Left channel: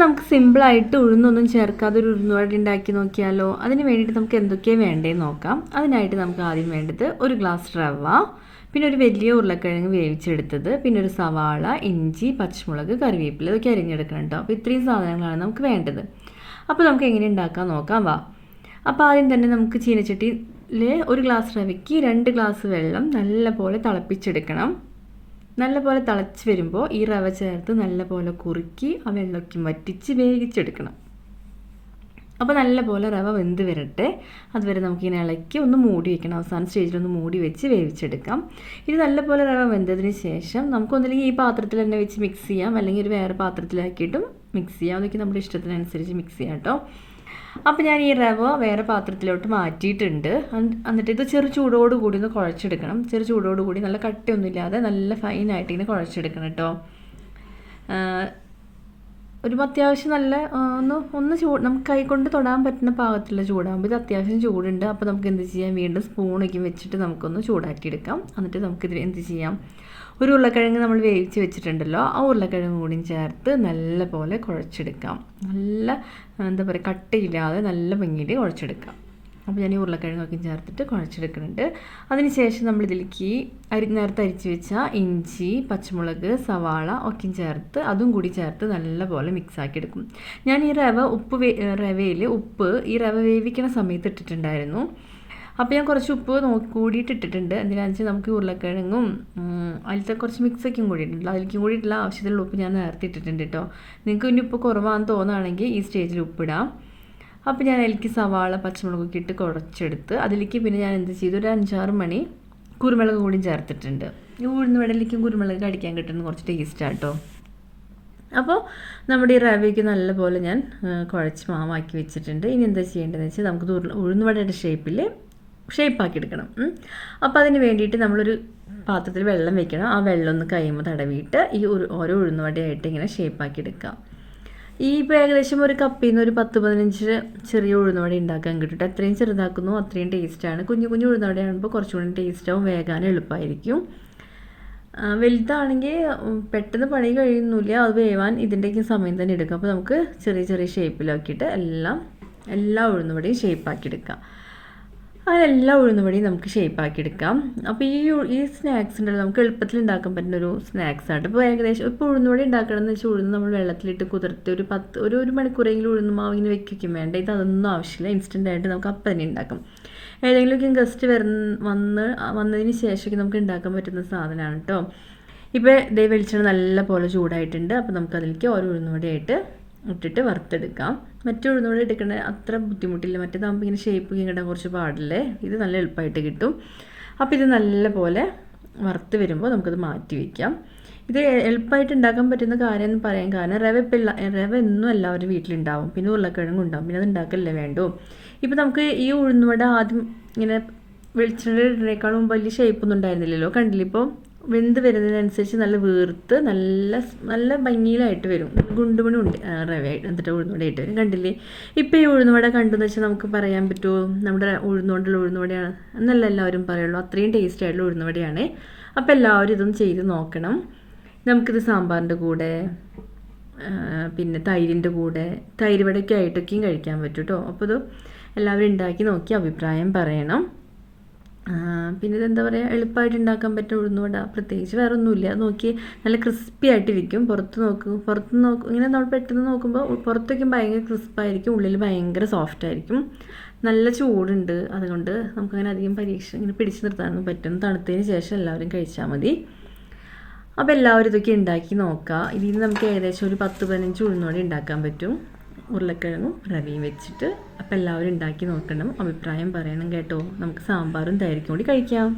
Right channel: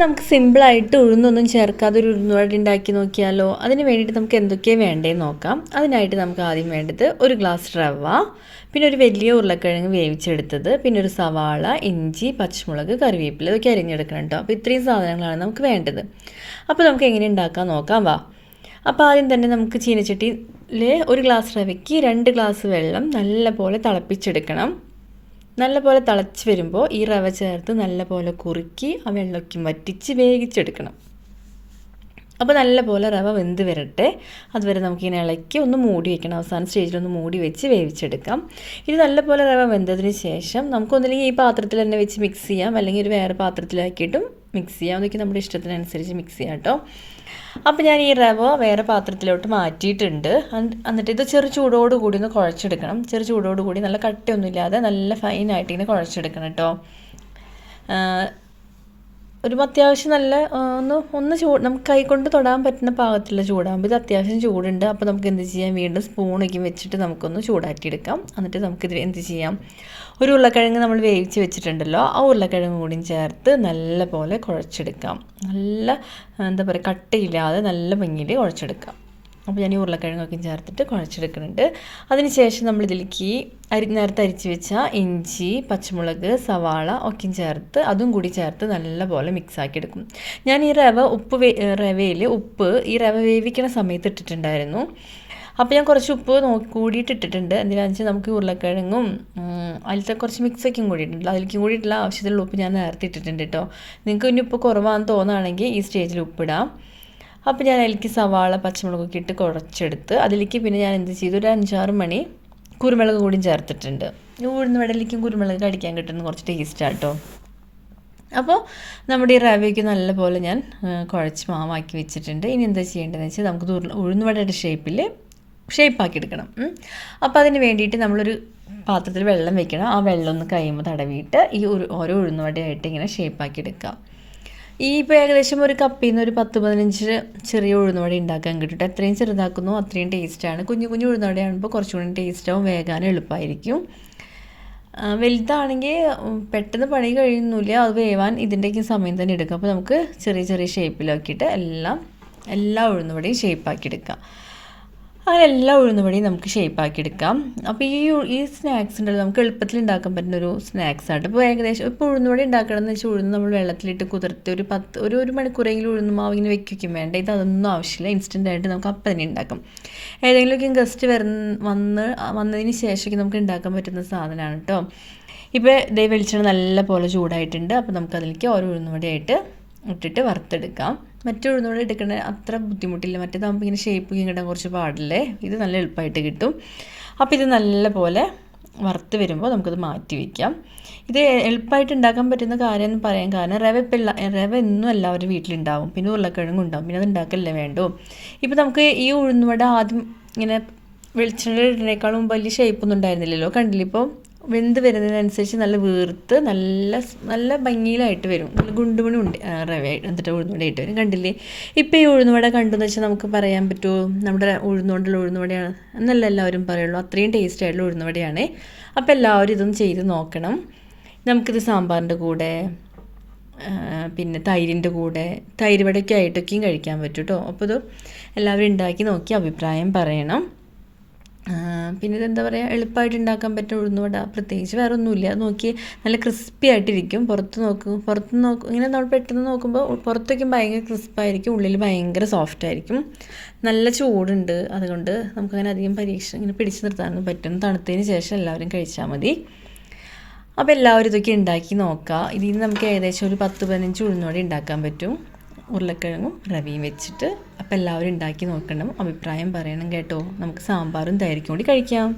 നമുക്ക് സിമ്പിളായിട്ട് ഉഴുന്നൊന്നും ചേർക്കാതെ ഒരു ഉഴുന്നുവട ഉണ്ടാക്കി നോക്കിയാലോ? അതിന് വേണ്ടിയിട്ട് നമുക്ക് എന്തൊക്കെയാണ് വേണ്ടതെന്ന് നോക്കാം. അതിനായിട്ട് നമുക്ക് ആദ്യം വേണ്ടത് ഒരു ഗ്ലാസ് റവ പിന്നെ ഒരു വലിയ ഉരുളക്കിഴങ്ങ് വേവിച്ചെടുത്തത് പിന്നെ ഒരു സവാള ഇഞ്ചി പച്ചമുളക് കറിവേപ്പില ഇതൊക്കെ അരിഞ്ഞെടുക്കണം കേട്ടോ അപ്പോൾ ഇത്രയും സാധനങ്ങളാണ് നമുക്ക് വേണ്ടത്. അപ്പോൾ നമുക്ക് എങ്ങനെ ഉണ്ടാക്കാൻ നോക്കാം വാ. അപ്പോൾ ആദ്യം തന്നെ നമുക്ക് ചീനച്ചട്ടിയിൽ ഒരു ഗ്ലാസ് റവയ്ക്ക് രണ്ട് ഗ്ലാസ് വെള്ളം നല്ലപോലെ തിളപ്പിച്ചെടുക്കണം. നല്ലപോലെ തിളച്ച് വരുമ്പോൾ ഈ റവ ചേർത്ത് നല്ലപോലെ കുറുക്കി ആ വെള്ളമൊക്കെ വറ്റിച്ച് വേവിച്ചെടുക്കണം. അപ്പോൾ നല്ലപോലെ റവ വെന്ത് വരട്ടെ. അതുവരെ നമുക്കിങ്ങനെ ഇളക്കി ഒന്ന് മൂടി വയ്ക്കണം അവസാന സ്റ്റേജിൽ ഒന്ന് മൂടി വെച്ച് വേവിച്ചെടുക്കാം. ഇത് നല്ലപോലെ റവ വെന്തതിന് ശേഷം നമുക്കൊന്നില്ലെങ്കിൽ ഈ പാത്രത്തിൽ തന്നെ വെച്ച് മിക്സ് ചെയ്യാം. അല്ലെങ്കിൽ ഒരു വേറെ പാത്രത്തിലാക്കിയിട്ടും മിക്സ് ചെയ്യാം. അതൊക്കെ നമ്മുടെ ഇഷ്ടത്തിനനുസരിച്ച് മിക്സ് ചെയ്യാം കേട്ടോ. അപ്പോൾ ഞാൻ ഈ റവ വേറെ പാത്രത്തിലോട്ട് മാറ്റിയിട്ടുണ്ട്. എന്നിട്ട് ഇത് ചെറു ചൂടോട് കൂടി ഒന്ന് കുഴച്ചെടുക്കണം. ചെറു ചൂടോട് കൂടി നല്ല കട്ടയൊന്നുമില്ലാതെ നല്ല ഫൈനായിട്ട് ഇങ്ങനെ കുഴച്ചെടുക്കണം കേട്ടോ. ഒരു അത്യാവശ്യം നല്ല ഒന്ന് ഒന്ന് ചൂട് നമുക്ക് കൈ കൊണ്ട് തൊടാൻ പറ്റുന്ന പാകത്തിലുള്ള ചൂടാകുമ്പോൾ ഇത് അത്യാവശ്യം ചൂടുണ്ട്. അപ്പോൾ നമുക്ക് എന്ത് ചെയ്യാം? വീണ്ടും സ്പൂണൊക്കെ വെച്ചിട്ട് നമുക്കൊന്ന് ചൂടാക്കിയെടുക്കാം. എന്നിട്ട് നമുക്കിത് എന്ത് ചെയ്യാം? ഒരു ഉരുളക്കിഴങ്ങ് നമ്മൾ വേവിച്ച് വെച്ചിട്ടുണ്ടല്ലോ. ആ ഉരുളക്കിഴങ്ങ് കൂടിയും ചേർത്ത് നല്ല പോലെ കുഴച്ചെടുക്കാം. നല്ല എന്താ പറയുക കട്ടയില്ലാതെ നല്ല ഭംഗിയിൽ കുഴച്ചെടുക്കാം. അപ്പോൾ ഞാൻ ഈ ഉരുളക്കിഴങ്ങൊക്കെ ചേർത്തിട്ട് കുഴച്ചെടുക്കുന്നുണ്ട്. അതിനുശേഷം നമ്മൾ ഇതിലേക്ക് അരി നേരത്തെ അരിച്ച് വെച്ച ഇഞ്ചി പച്ചമുളക് സവാള ഒക്കെ ചേർത്ത് അതും കൂടി ചേർത്ത് നല്ലപോലെ മിക്സാക്കി എടുക്കും. ഞാൻ ഈ റവ ഉപ്പ് റവയിൽ ഉപ്പ് ഈ റവ വേവിക്കണ സമയത്ത് ഇട്ടിട്ടുണ്ടായിരുന്നു. അപ്പോൾ ഞാൻ കുറച്ച് ഉപ്പ് നോക്കി കൂടിയിട്ട് ഇട്ടിട്ടുണ്ട്. എന്തിനാണെന്ന് വെച്ചാൽ നമുക്ക് ഉരുളക്കിഴങ്ങും അതിലത്തെ കുറച്ച് മിക്സൊക്കെയും കൂടിയിട്ടുണ്ട് അതിലേക്കും കൂടിയിട്ടുള്ള ആവശ്യത്തിലുള്ള ഉപ്പ് ഞാൻ നേരത്തെ ഇട്ടിട്ടുണ്ട് കേട്ടോ. നിങ്ങൾക്ക് ഇനി ഉപ്പ് കുറവാണെന്ന് തോന്നുകയാണെങ്കിൽ ഈ സ്റ്റേജിൽ ഉപ്പിടാം അപ്പോൾ ഞാൻ അതിലേക്ക് സവാള പച്ചമുളകൊക്കെ ഇട്ട് കുറച്ചെടുത്ത് അതിലേക്ക് പിന്നെ ഞാൻ എന്ത് ചെയ്തു? ഒരു അഞ്ചാറ് മണി കുരുമുളക് കൂടിയും ചേർത്തിട്ടുണ്ട്. ഉഴുന്ന് വടലിലേക്കും കുരുമുളക് കടിക്കാൻ കിട്ടുന്ന കുറച്ച് ടേസ്റ്റാണ് കേട്ടോ അപ്പോൾ നമ്മുടെ ഈ റവയ്ക്ക് നല്ലപോലെ ഞാൻ കുഴച്ച് മാവാക്കി വെച്ചിട്ടുണ്ട്. ഇനി എന്താ ചെയ്യേണ്ടതെന്ന് വെച്ചാൽ നമുക്ക് ഉഴുന്നുവടയുടെ ഷേപ്പിൽ ഷേപ്പാക്കി എടുക്കണം. അപ്പോൾ അതിന് വേണ്ടിയിട്ട് നമ്മളൊരു പാത്രത്തിൽ വെള്ളം വെക്കണം. ആ വെള്ളം ഒന്ന് കഴിയുമ്പോൾ തടവിയിട്ട് ഈ ഒരു ഓരോ ഉഴുന്ന ഉഴുന്നുവടയായിട്ട് ഇങ്ങനെ ഷേപ്പാക്കി എടുക്കാം. ഈ ഇപ്പോൾ ഏകദേശം ഒരു കപ്പിൽ നിന്ന് ഒരു പത്ത് പതിനഞ്ച് ചെറിയ ഉഴുന്നുവട ഉണ്ടാക്കാൻ കിട്ടും എത്രയും ചെറുതാക്കുന്നു അത്രയും ടേസ്റ്റാണ് കുഞ്ഞു കുഞ്ഞു ഉഴുന്നുവടയാകുമ്പോൾ കുറച്ചുകൂടി ടേസ്റ്റാവും വേഗാനും എളുപ്പമായിരിക്കും വലുതാണെങ്കിൽ പെട്ടെന്ന് പണി കഴിയുന്നില്ല അത് വേവാൻ ഇതിന്റെയൊക്കെ സമയം തന്നെ എടുക്കും. അപ്പോൾ നമുക്ക് ചെറിയ ചെറിയ ഷേപ്പിലാക്കിയിട്ട് എല്ലാം എല്ലാ ഉഴുന്നുവടയും ഷേപ്പാക്കി എടുക്കാം. അങ്ങനെ എല്ലാ ഉഴുന്നുവടിയും നമുക്ക് ഷേപ്പാക്കി എടുക്കാം. അപ്പോൾ ഈ ഈ സ്നാക്സ് ഉണ്ടല്ലോ നമുക്ക് എളുപ്പത്തിൽ ഉണ്ടാക്കാൻ പറ്റുന്ന ഒരു സ്നാക്സ് ആണ്. ഇപ്പോൾ ഏകദേശം ഇപ്പോൾ ഉഴുന്നുവടി ഉണ്ടാക്കണമെന്ന് വെച്ചാൽ ഉഴുന്ന് നമ്മൾ വെള്ളത്തിലിട്ട് കുതിർത്ത് ഒരു പത്ത് ഒരു ഒരു മണിക്കൂറെങ്കിലും ഉഴുന്ന് മാവ് ഇങ്ങനെ വെക്കുകയും വേണ്ട ഇത് അതൊന്നും ആവശ്യമില്ല. ഇൻസ്റ്റന്റ് ആയിട്ട് നമുക്ക് അപ്പം തന്നെ ഉണ്ടാക്കാം. ഏതെങ്കിലുമൊക്കെ ഗസ്റ്റ് വരുന്ന വന്ന് വന്നതിന് ശേഷമൊക്കെ നമുക്ക് ഉണ്ടാക്കാൻ പറ്റുന്ന സാധനമാണ് കേട്ടോ ഇപ്പോൾ ദേ വെളിച്ചെണ്ണ നല്ല പോലെ ചൂടായിട്ടുണ്ട്. അപ്പോൾ നമുക്കതിലേക്ക് ഓരോ ഉഴുന്നുവടിയായിട്ട് ഇട്ടിട്ട് വറുത്തെടുക്കാം. മറ്റേ ഉഴുന്നോടെ എടുക്കണ അത്ര ബുദ്ധിമുട്ടില്ല. മറ്റേതാകുമ്പോൾ ഇങ്ങനെ ഷേപ്പ് ഇങ്ങനെ കുറച്ച് പാടില്ലേ? ഇത് നല്ല എളുപ്പമായിട്ട് കിട്ടും. അപ്പോൾ ഇത് നല്ല പോലെ വറുത്ത് വരുമ്പോൾ നമുക്കത് മാറ്റി വയ്ക്കാം ഇത് എളുപ്പമായിട്ട് ഉണ്ടാക്കാൻ പറ്റുന്ന കാര്യം എന്ന് പറയാൻ കാരണം റവ ഇപ്പം റവ എന്നും എല്ലാവരും വീട്ടിലുണ്ടാവും. പിന്നെ ഉരുളക്കിഴങ്ങും ഉണ്ടാവും. പിന്നെ അത് ഉണ്ടാക്കല്ലേ വേണ്ടോ. ഇപ്പോൾ നമുക്ക് ഈ ഉഴുന്നുവട ആദ്യം ഇങ്ങനെ വെളിച്ചെണ്ണ ഇടുന്നേക്കാളും വലിയ ഷേപ്പൊന്നും ഉണ്ടായിരുന്നില്ലല്ലോ. കണ്ടില്ല ഇപ്പോൾ വെന്ത് വരുന്നതിനനുസരിച്ച് നല്ല വീർത്ത് നല്ല നല്ല ഭംഗിയിലായിട്ട് വരും. നല്ല ഗുണ്ടുമണി ഉണ്ട്. റവ എന്നിട്ട് ഉഴുന്നുവട ആയിട്ട് വരും. കണ്ടില്ലേ? ഇപ്പോൾ ഈ ഉഴുന്നുവട കണ്ടെന്ന് വെച്ചാൽ നമുക്ക് പറയാൻ പറ്റുമോ നമ്മുടെ ഉഴുന്നുകൊണ്ടുള്ള ഉഴുന്നുവടയാണ്. എന്നല്ല എല്ലാവരും പറയുള്ളൂ. അത്രയും ടേസ്റ്റ് ആയിട്ടുള്ള ഉഴുന്നുവടയാണ്. അപ്പോൾ എല്ലാവരും ഇതൊന്നും ചെയ്ത് നോക്കണം. നമുക്കിത് സാമ്പാറിന്റെ കൂടെ പിന്നെ തൈരിന്റെ കൂടെ തൈര് വടയ്ക്ക് കഴിക്കാൻ പറ്റും കേട്ടോ അപ്പോൾ ഇത് എല്ലാവരും ഉണ്ടാക്കി നോക്കി അഭിപ്രായം പറയണം. പിന്നെ ഇതെന്താ പറയുക എളുപ്പമായിട്ട് ഉണ്ടാക്കാൻ പറ്റുന്ന ഉഴുന്നുവട പ്രത്യേകിച്ച് വേറെ ഒന്നുമില്ല നോക്കി നല്ല ക്രിസ്പി ആയിട്ടിരിക്കും. പുറത്ത് നോക്കും. പുറത്ത് നോക്കും ഇങ്ങനെ നമ്മൾ പെട്ടെന്ന് നോക്കുമ്പോൾ പുറത്ത് പുറത്തേക്കും ഭയങ്കര ക്രിസ്പായിരിക്കും ഉള്ളിൽ ഭയങ്കര സോഫ്റ്റ് ആയിരിക്കും. നല്ല ചൂടുണ്ട്. അതുകൊണ്ട് നമുക്കങ്ങനെ അധികം പരീക്ഷ ഇങ്ങനെ പിടിച്ചു നിർത്താനൊന്നും പറ്റും തണുത്തതിന് ശേഷം എല്ലാവരും കഴിച്ചാൽ മതി. അപ്പോൾ എല്ലാവരും ഇതൊക്കെ ഉണ്ടാക്കി നോക്കുക ഇതിൽ നിന്ന് നമുക്ക് ഏകദേശം ഒരു പത്ത് പതിനഞ്ച് ഉഴുന്നോടെ ഉണ്ടാക്കാൻ പറ്റും. ഉരുളക്കിഴങ്ങും റവിയും വെച്ചിട്ട് അപ്പോൾ എല്ലാവരും ഉണ്ടാക്കി നോക്കണം. അഭിപ്രായം പറയണം കേട്ടോ. നമുക്ക് സാമ്പാറും തൈരിക്കും കൂടി കഴിക്കാം.